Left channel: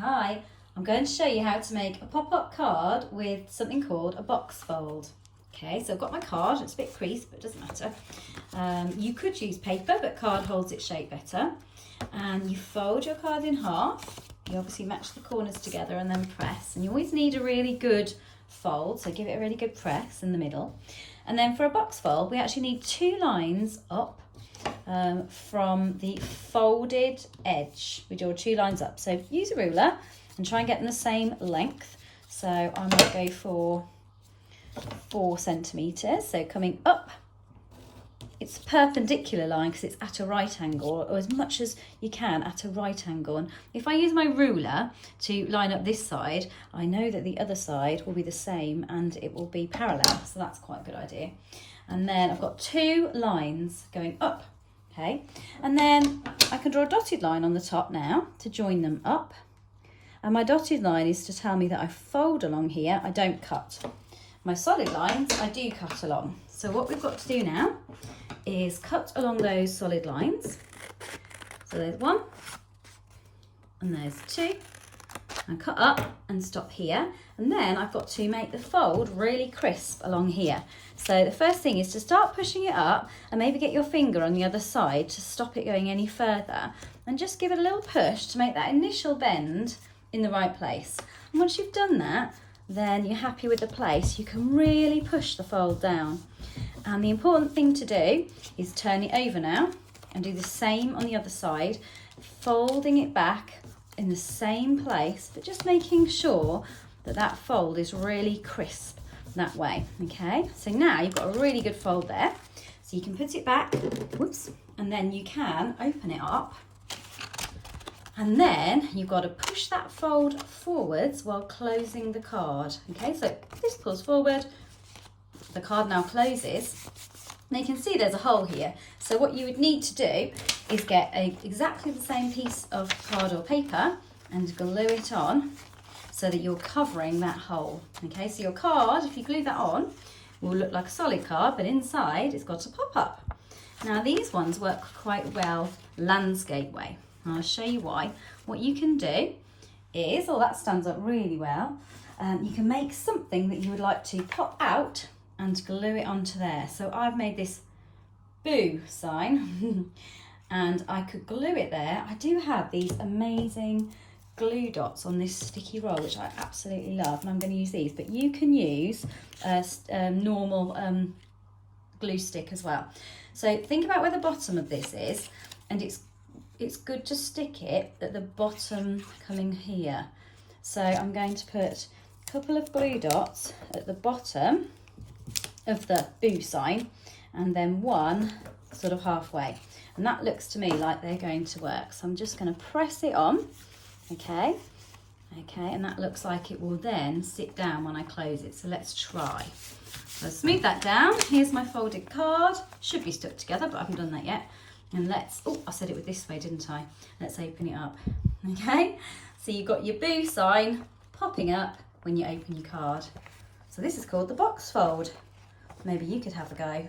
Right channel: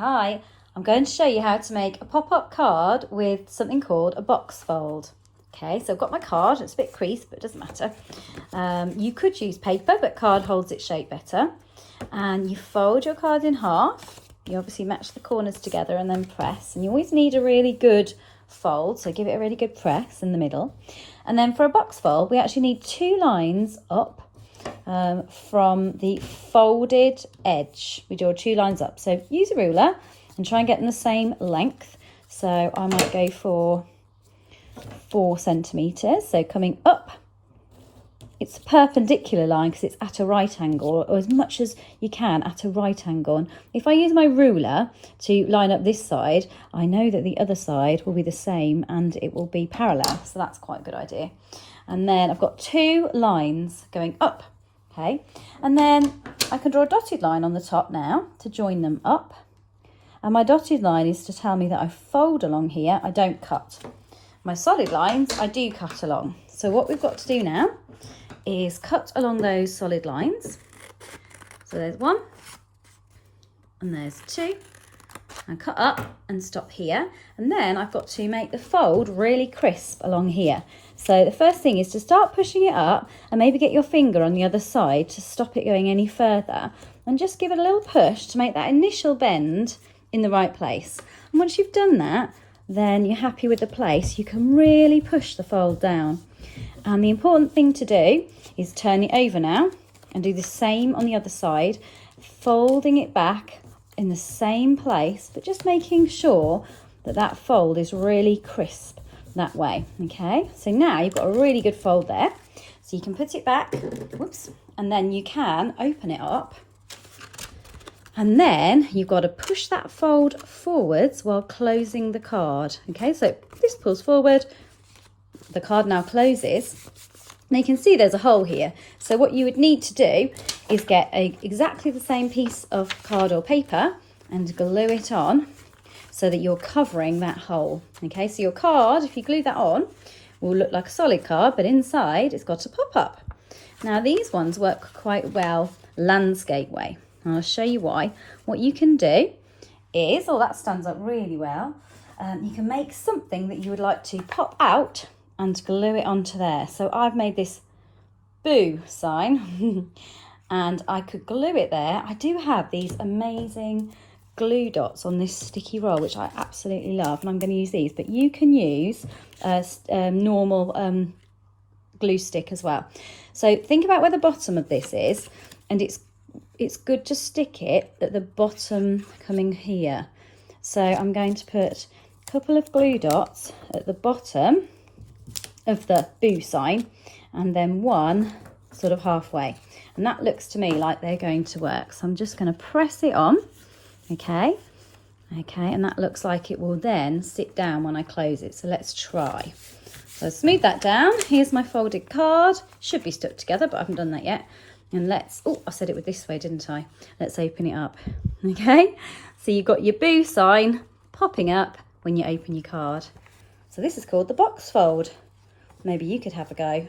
Hi, I'm going to show you how to make a pop-up card with something called a box fold. Okay, so I've got my card, it's a bit creased, but it doesn't matter. You could use paper, but card holds its shape better. And you fold your card in half. You obviously match the corners together and then press. And you always need a really good fold, so give it a really good press in the middle. And then for a box fold, we actually need 2 lines up from the folded edge. We draw 2 lines up. So use a ruler and try and get in the same length. So I might go for 4 centimetres. So coming up, it's a perpendicular line because it's at a right angle, or as much as you can at a right angle. And if I use my ruler to line up this side, I know that the other side will be the same and it will be parallel. So that's quite a good idea. And then I've got 2 lines going up. Okay, and then I can draw a dotted line on the top now to join them up. And my dotted line is to tell me that I fold along here, I don't cut. My solid lines, I do cut along. So what we've got to do now is cut along those solid lines. So there's 1, and there's 2, and cut up and stop here. And then I've got to make the fold really crisp along here. So the first thing is to start pushing it up and maybe get your finger on the other side to stop it going any further, and just give it a little push to make that initial bend in the right place. And once you've done that, then you're happy with the place, you can really push the fold down. And the important thing to do is turn it over now and do the same on the other side, folding it back in the same place, but just making sure that that fold is really crisp that way. Okay, so now you've got a really good fold there. So you can put it back, whoops, and then you can open it up. And then you've got to push that fold forwards while closing the card. Okay, so this pulls forward, the card now closes. Now you can see there's a hole here. So what you would need to do is get exactly the same piece of card or paper and glue it on so that you're covering that hole. Okay, so your card, if you glue that on, will look like a solid card, but inside it's got a pop-up. Now these ones work quite well landscape way. And I'll show you why. What you can do is, oh, that stands up really well. You can make something that you would like to pop out and glue it onto there. So I've made this boo sign and I could glue it there. I do have these amazing glue dots on this sticky roll, which I absolutely love, and I'm going to use these, but you can use a normal glue stick as well. So think about where the bottom of this is, and it's good to stick it at the bottom coming here. So I'm going to put a couple of glue dots at the bottom of the boo sign, and then 1 sort of halfway, and that looks to me like they're going to work. So I'm just going to press it on. Okay, and that looks like it will then sit down when I close it. So let's try. So smooth that down. Here's my folded card. Should be stuck together, but I haven't done that yet. And let's, oh, I said it with this way, didn't I? Let's open it up. Okay, so you've got your boo sign popping up when you open your card. So this is called the box fold. Maybe you could have a go.